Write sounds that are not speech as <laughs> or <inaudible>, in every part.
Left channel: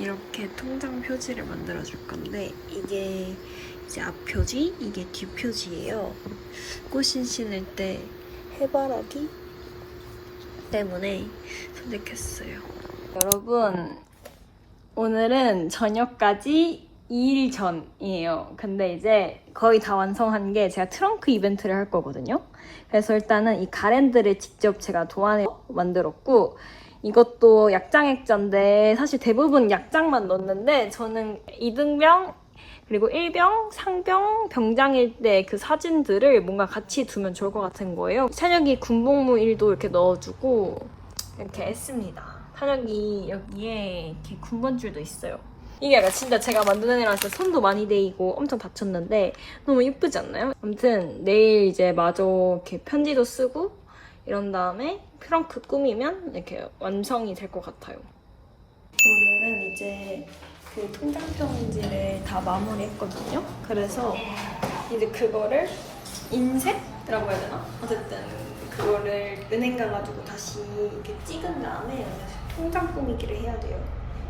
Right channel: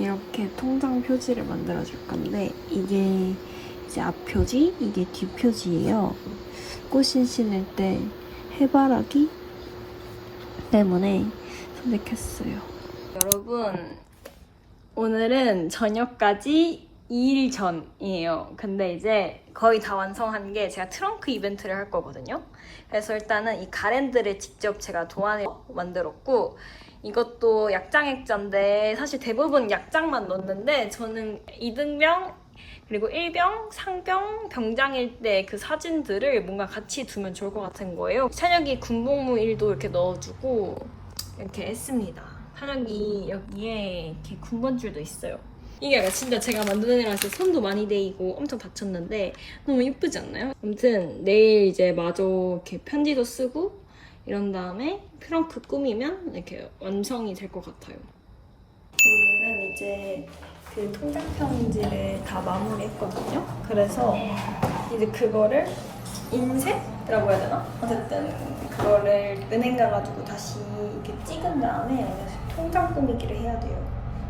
이렇게 통장 표지를 만들어 줄 건데 이게 이제 앞 표지, 이게 뒤 표지예요. 꽃신 신을 때 해바라기 때문에 선택했어요. 여러분 오늘은 저녁까지 2일 전이에요. 근데 이제 거의 다 완성한 게 제가 트렁크 이벤트를 할 거거든요. 그래서 일단은 이 가랜드를 직접 제가 도안에 만들었고 이것도 약장 액자인데 사실 대부분 약장만 넣는데 저는 이등병 그리고 일병, 상병, 병장일 때 그 사진들을 뭔가 같이 두면 좋을 것 같은 거예요. 찬혁이 군복무 일도 이렇게 넣어주고 이렇게 했습니다. 찬혁이 여기에 이렇게 군번줄도 있어요. 이게 약간 진짜 제가 만드는 애라 진짜 손도 많이 데이고 엄청 다쳤는데 너무 이쁘지 않나요? 아무튼 내일 이제 마저 이렇게 편지도 쓰고 이런 다음에 트렁크 꾸미면 이렇게 완성이 될 것 같아요. 오늘은 이제 그 통장 편지를 다 마무리했거든요. 그래서 이제 그거를 인쇄라고 해야 되나? 어쨌든 그거를 은행 가가지고 다시 이렇게 찍은 다음에 통장 꾸미기를 해야 돼요.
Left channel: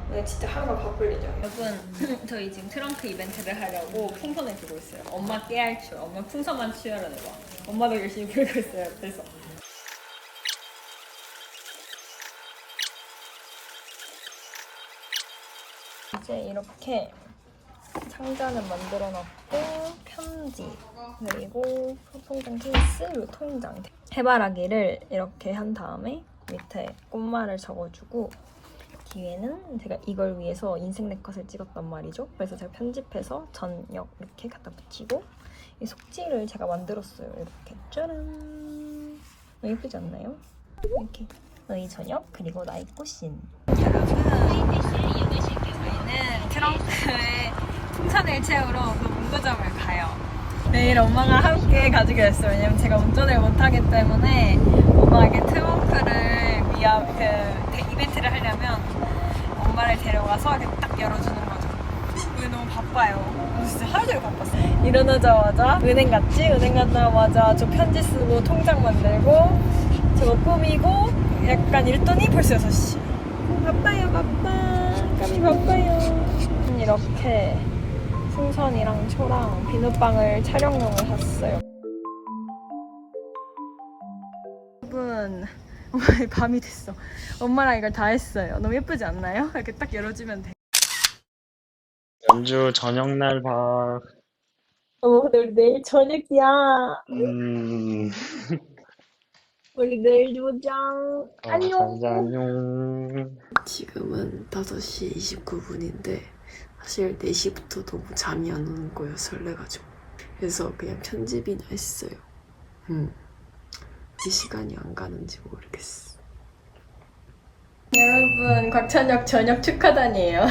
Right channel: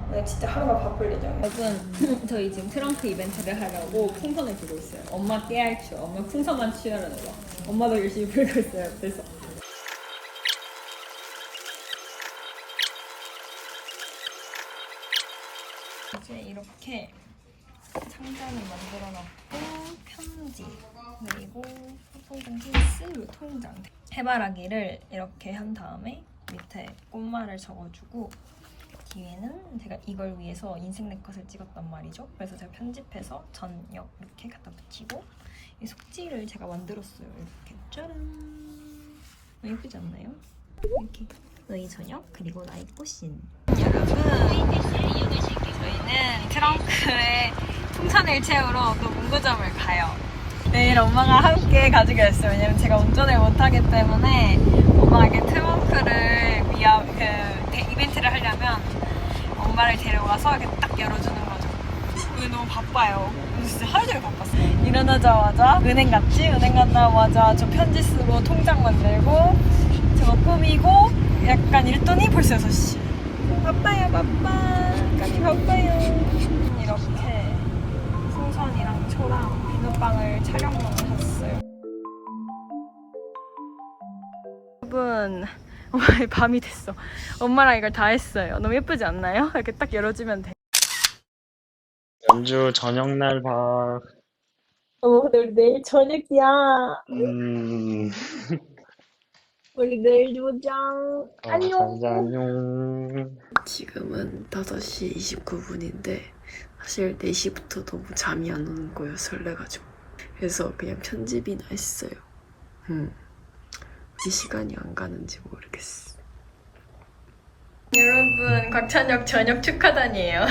오늘 진짜 하루가 바쁠 예정이에요. 여러분, 저희 지금 트렁크 이벤트를 하려고 풍선을 들고 있어요. 엄마 깨알 줄, 엄마 풍선만 치우려는 거. 엄마도 열심히 불고 있어요. 그래서 이제 이렇게 상자는 만들어 놨고 편지 그리고 통장 케이스 그리고 통장 해바라기를 이렇게 한 다음에 밑에 꽃말을 적어주고 뒤에는 제가 이걸 위해서 인생 네컷을 찍었단 말이죠. 그래서 제가 편집해서 전역 이렇게 갖다 붙이고 이 속지를 제가 만들었어요. 이렇게 짜란. 너무 예쁘지 않나요? 이렇게. 너희 저녁 그리고 나의 꽃신 여러분 저희는 트렁크에 풍선을 채우러 또 문구점을 가요. 내일 엄마가 함께 가지게 됐어요. 왜냐면 제가 운전을 못하기 때문에 엄마가 이렇게 트렁크를 위한 그 대- 이벤트를 하려면 엄마를 데려가서 이렇게 딱 열어주는 거죠. 오늘 너무 바빠요. 진짜 하루 종일 바빴어요. 일어나자마자 은행 갔지? 은행 갔다마자 저 편지 쓰고 통장 만들고 저거 꾸미고 약간 이랬더니 벌써 6시. 바빠요 바빠. 까지 바빠요. 이렇게 풍선이랑 초랑 비눗방울 촬영용을 샀어요. 여러분 오늘 <laughs> 밤이 됐어. 엄마랑 이걸 다 했어요. 너무 예쁘지 않나요? 이렇게 딱 열어주면 돼. 연주 저녁날 봐. 어머 근데 우리 내일 저녁이야. 음, <laughs> 우리 내일 보자 어, 자자, 안녕. 지금은 5시 29분인데 사실 4시부터 너무 잠이 안 오는 거예요 설레가지고 그래서 그냥 편집이나 했어요 음. 이 시간이 안 가는지 모르겠어 여러분 곽찬혁 저녁 축하단이에요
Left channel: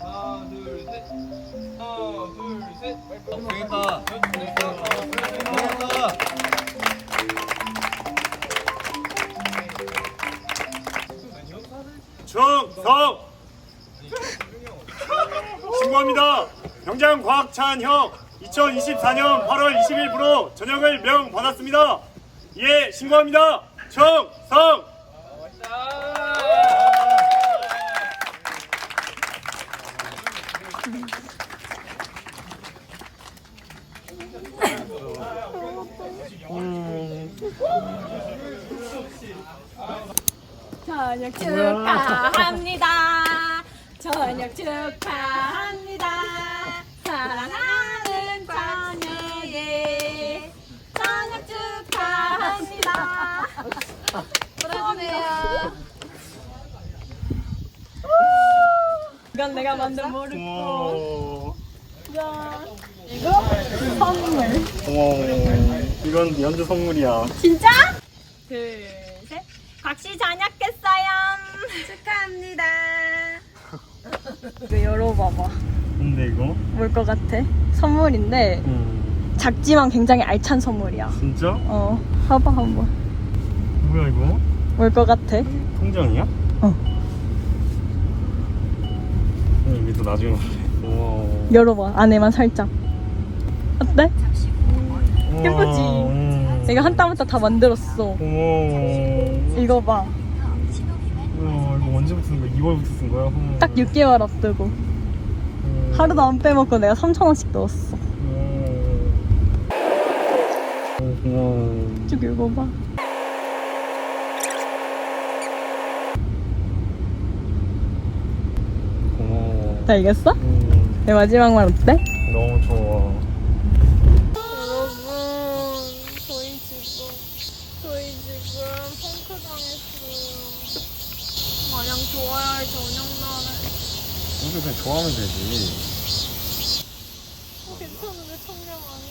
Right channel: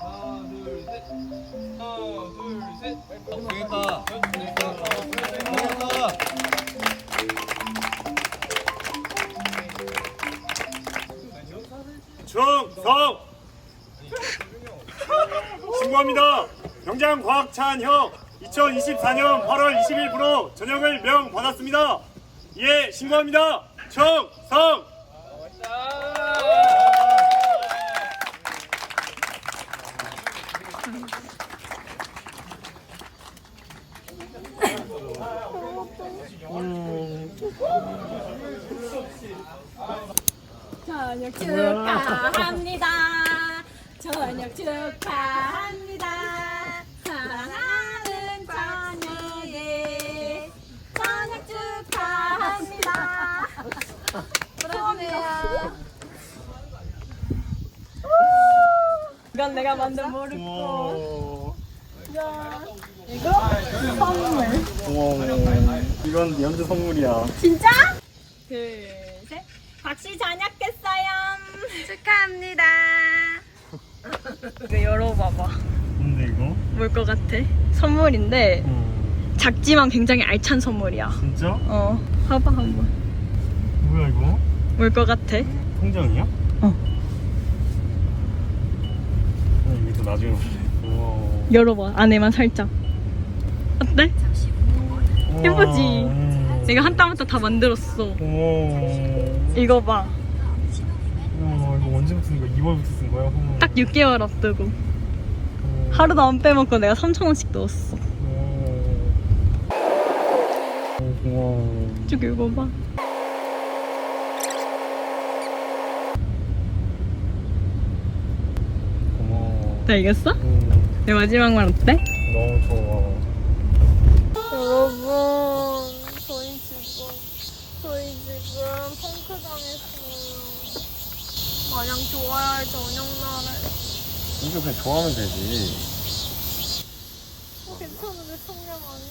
하나 둘 셋. 하나 둘 셋. 되겠다. 되겠다. 성! 신고합니다. 병장 곽찬형 2024년 8월 20일부로 전역을 명 받았습니다. 예, 신고합니다. 충성! <laughs> 저녁 축하합니다. 저녁 축하합니다. 사랑하는 저녁에 저녁 축하합니다. 그러네요. 이건 내가 만든 모르고 고마워. 이거 선물 고마워. 이건 연주 선물이야. 진짜? 열어봐봐 근데 이거? 뭘 것 같아? 선물인데 어, 작지만 굉장히 알찬 선물이야 진짜? 어 봐봐 한번 뭐야 이거? 뭘 것 같아? 통장이야? 어. 어, 이게 또 나중에. 고마워. 열어봐 안에만 살짝 어때? 예쁘지? 음. 내가 한땀 한땀 다 만들었어 고마워. 이거 봐 음. 이거 언제부터 쓴 거야? 2월부터 쓴 거야? 음. 딱 6개월 앞두고 음. 하루도 안 빼먹고 내가 3,000원씩 넣었어. 쭉 읽어봐 고마워. 다 읽었어? 음, 내 마지막 말 어때? 너무 좋아. 여러분 저희 지금 저희 지금 펑크 당했어요 마냥 좋아야 할 저녁날에 이거 그냥 좋아하면 되지. 어, 괜찮은데 청량 아니?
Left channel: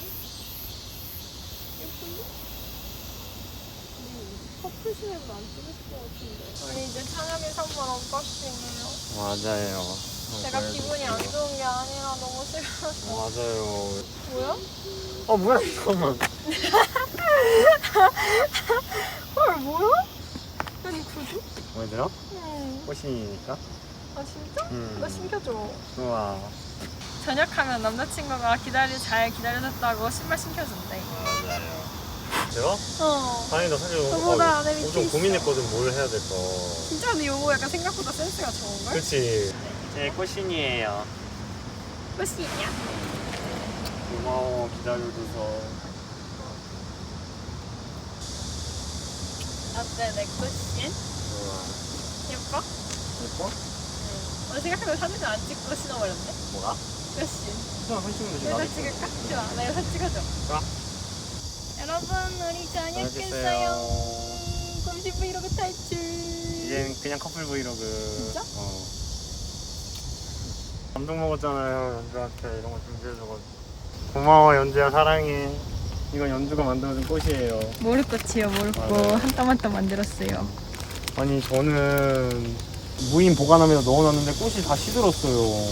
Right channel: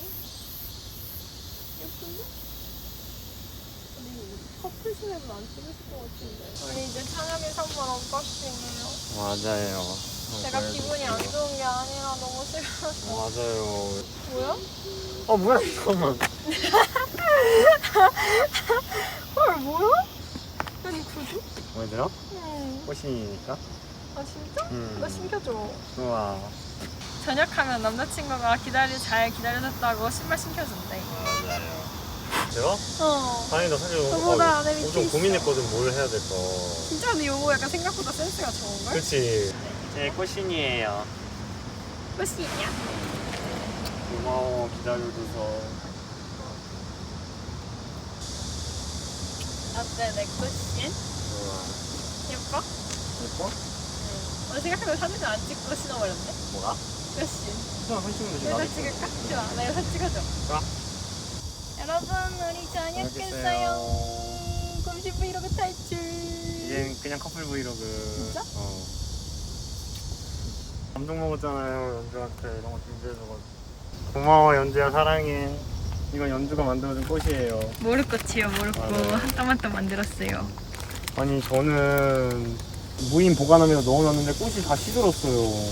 커플 스냅은 안 찍을 것 같은데 우리 이제 찬혁이 선물 언박싱해요 맞아요. 제가 기분이 안 좋은 게 아니라 너무 싫어서 맞아요. 뭐야? 아 뭐야 잠깐만. <laughs> 헐 뭐야? 아니 구두? 들어? 응. 꽃이니까. 아 진짜? 음. 나 신겨줘 좋아. 저녁하면 남자친구가 기다리 잘 기다려줬다고 신발 신겨준대 맞아요. 제가? 어 다행이다 사실 저보다 내 밑에 있어. 고민했거든 뭘 해야 될까. 진짜 근데 이거 약간 생각보다 센스가 좋은걸? 그치. 제 꽃신이에요. 끝이냐? 고마워 기다려줘서. 어때 내 꽃신? 좋아. 예뻐? 예뻐? 어, 생각해보면 사진을 안 찍고 신어버렸네 뭐가? 꽃신 그냥 한 시간 여기다 찍을까? 좋아 나 여기서 찍어줘 좋아. 여러분 우리 저녁했어요. 곰시 브이로그 탈출 이젠 그냥 커플 브이로그. 진짜? 어. 감동 먹었잖아요 연주한테 이런 거 준비해줘가지고. 고마워 연주야 사랑해. 이건 연주가 만들어준 꽃이에요. 모르꽃이요 모르꽃 맞아요. 한 땀 한 땀 만들었어요 아니 저는 무인 보관함에다 넣어놨는데 꽃이 다 시들었어요.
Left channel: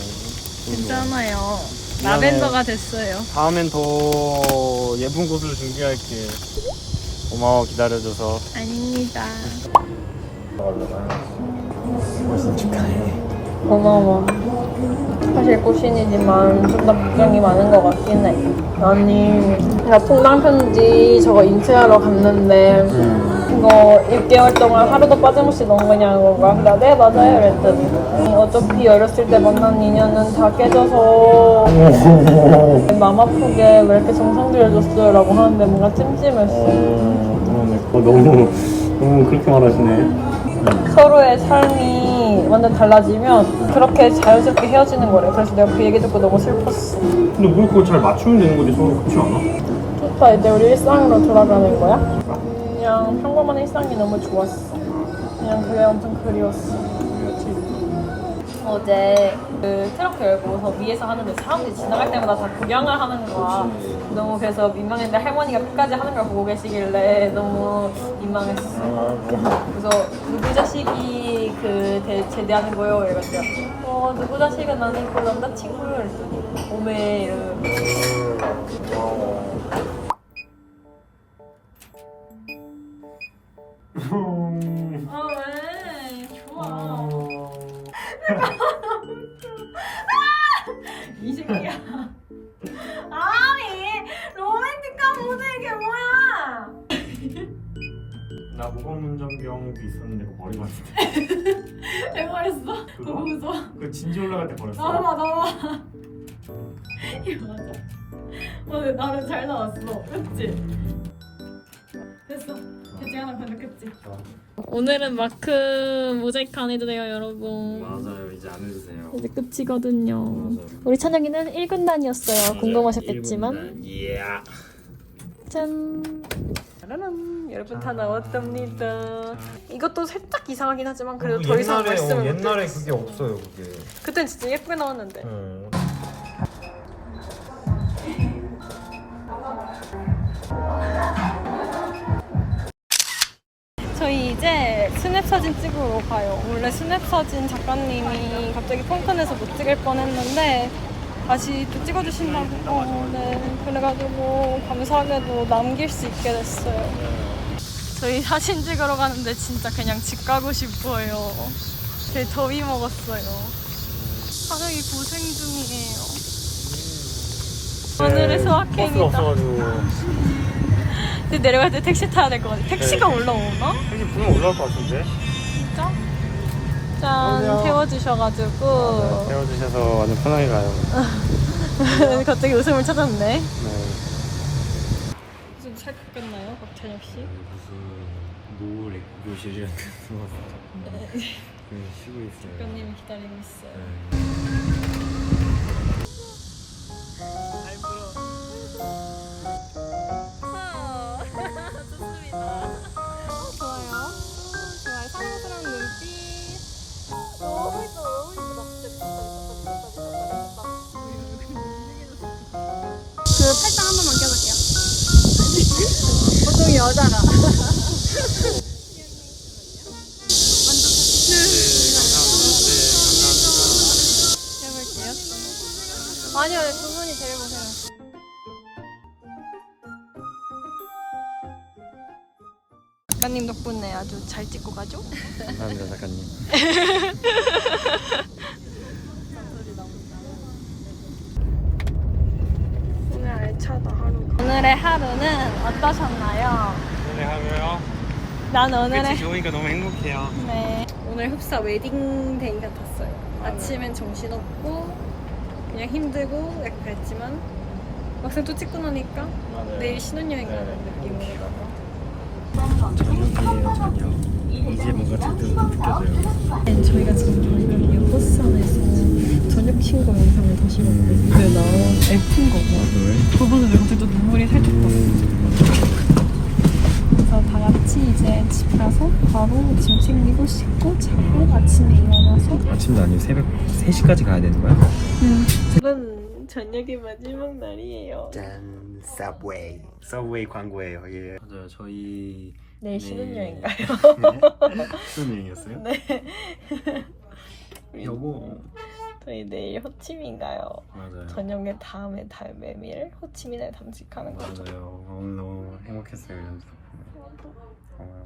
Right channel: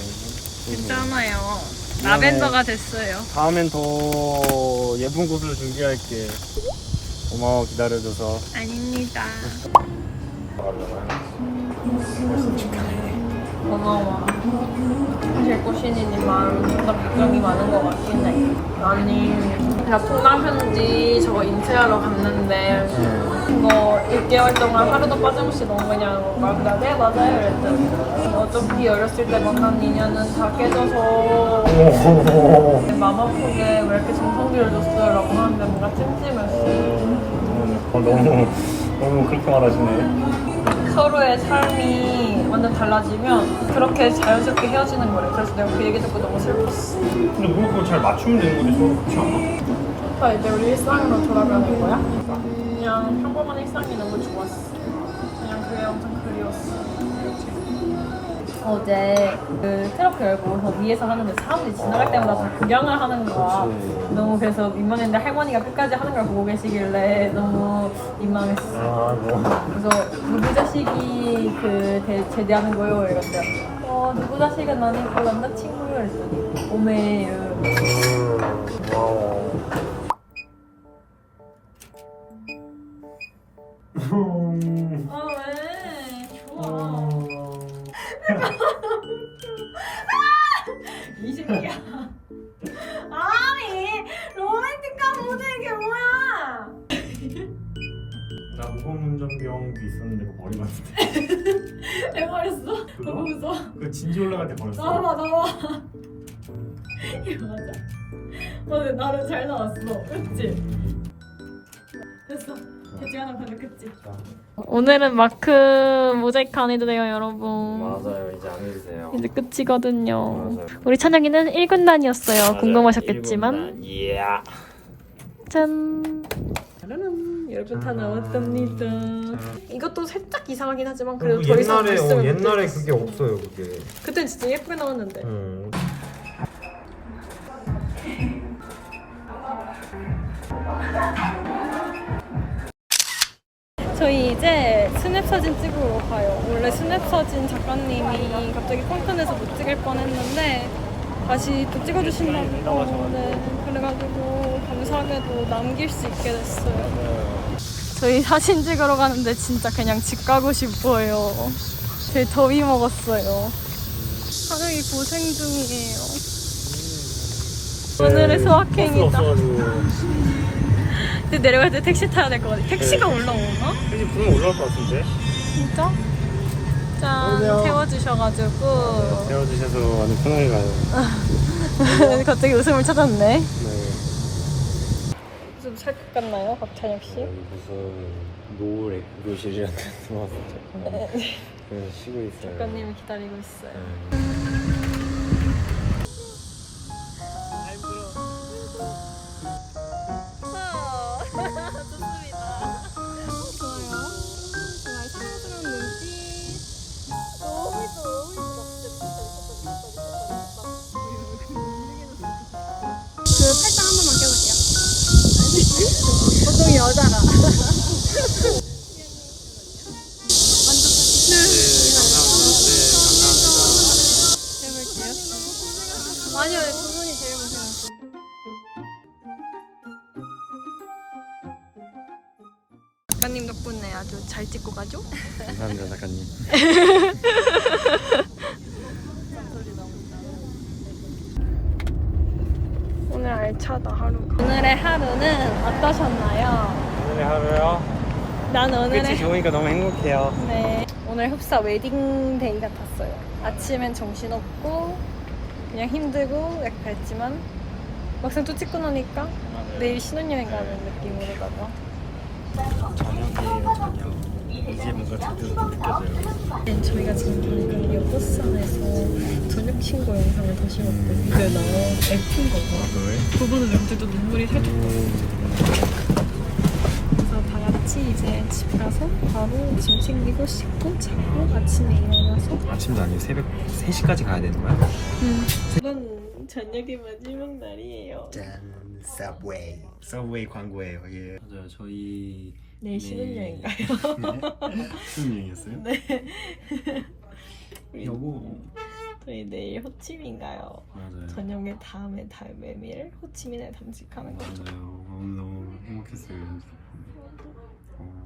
괜찮아요. 라벤더가 됐어요 다음엔 더 예쁜 꽃을 준비할게. 고마워 기다려줘서. 아닙니다 꽃이 축하해. 고마워. 사실 꽃신이지만 좀더 걱정이 많은 것 같긴 해. 아니, 제가 통장 편지 저거 인쇄하러 갔는데 그거 1개월 동안 하루도 빠짐없이 넣은 거냐고 그래서 네 맞아요 이랬더니 어차피 어렸을 때 만난 인연은 다 깨져서 마음 아프게 왜 이렇게 정성 들여줬어요 라고 하는데 뭔가 찜찜했어 어, 너무 너무 그렇게 말하시네. 서로의 삶이 완전 달라지면 그렇게 자연스럽게 헤어지는 거예요. 그래서 내가 그 얘기 듣고 너무 슬펐어. 근데 뭐 그거 잘 맞추면 되는 거지 서로 그렇지 않아? 좋다. 이제 우리 일상으로 돌아가는 거야? 그냥 평범한 일상이 너무 좋았어. 그냥 그게 엄청 그리웠어 어제 그 트럭 열고서 위에서 하는데 사람들이 지나갈 때마다 다 구경을 하는 거야. 너무 그래서 민망했는데 할머니가 끝까지 하는 걸 보고 계시길래 너무 민망했어. 그래서 누구 자식이 그 대, 제대하는 거요? 이랬더니 어 누구 자식은 아니고 남자친구요 이랬더니 오메 이러면 나 무거운 운전병도 있었는데 <laughs> 그거 머리 맞는데 해버렸어. 그거? 너무 무서워. 그 진지 올라갈 때 버렸어 넘어와 넘어와. 이거 맞아. 오늘 나름 잘 나왔어. 그치? 됐어. 대지 하나 반죽했지. 오늘은 마크 모자이크 안 해도 돼요 여러분. 맞아요 이제 안 해주세요 이제 끝이거든요. 맞아요. 우리 찬영이는 1군단이었어요. 궁금하셨겠지만. 예 짠. 짜라란. 여러분 다 나왔답니다. 이것도 살짝 이상하긴 하지만 그래도 더 이상 옛날에 어, 못 옛날에. 그게 없어요 그게 그땐 진짜 예쁘게 나왔는데. 음. 저희 이제 스냅 사진 찍으러 가요. 원래 스냅 사진 작가님이 갑자기 펑크내서 못 찍을 뻔했는데 다시 또 찍어주신다고. 어, 네. 그래가지고 감사하게도 남길 수 있게 됐어요. 저희 사진 찍으러 가는데 진짜 그냥 집 가고 싶어요. 되게 더위 먹었어요. 사장이 고생 중이에요. 오늘의 소확행이다. 근데 내려갈 때 택시 타야 될 것 같아. 택시가 올라오나? 이제 분명 올라올 것 같은데 진짜? 짠 태워주셔가지고 태워주셔서 완전 편하게 가요. <laughs> 갑자기 웃음을 찾았네. 네. 좀살것 같나요, 박찬혁 씨? 무슨 노을 교실이라는 데서 왔어요. 그래서 쉬고 있어요. 작가님이 기다리고 있어요. 잘 불어. 좋습 보통 여자가. 아니요, 두 분이 제일 고생했어요. 작가님 덕분에 아주 잘 찍고 가죠? 감사합니다, 작가님. <laughs> 오늘 알차다 하루가. 오늘의 하루는 어떠셨나요? 오늘 하루요? 난 오늘의 좋으니까 너무 행복해요. 네 오늘 흡사 웨딩데이 같았어요. 아침엔 정신없고 그냥 힘들고 약간 그랬지만 막상 또 찍고 나니까 내일 신혼여행 가는 느낌으로다가 저녁이에요, 저녁. 이제 뭔가 제대로 느껴져요. 네, 저희가 지금 다시 봤거든요. 근데 나 F인 거 봐. 왜? 그거는 왜 갑자기 또 눈물이 살짝 났어. 그래서 다 같이 이제 집 가서 바로 짐 챙기고 씻고 자고 아침에 일어나서 아침도 아니고 새벽 3시까지 가야 되는 거야? 오늘은 저녁의 마지막 날이에요. 짠, 서브웨이. 서브웨이 광고예요, 예. 맞아요, 저희 내일 신혼여행 가요. 신혼여행이었어요? 네. 요거 저희 내일 호치민 가요. 맞아요. 저녁에 다음에 달 메밀 호치민에 담직하는 거죠. 맞아요. 오늘 너무 행복했어요. 연주 덕분에. 어.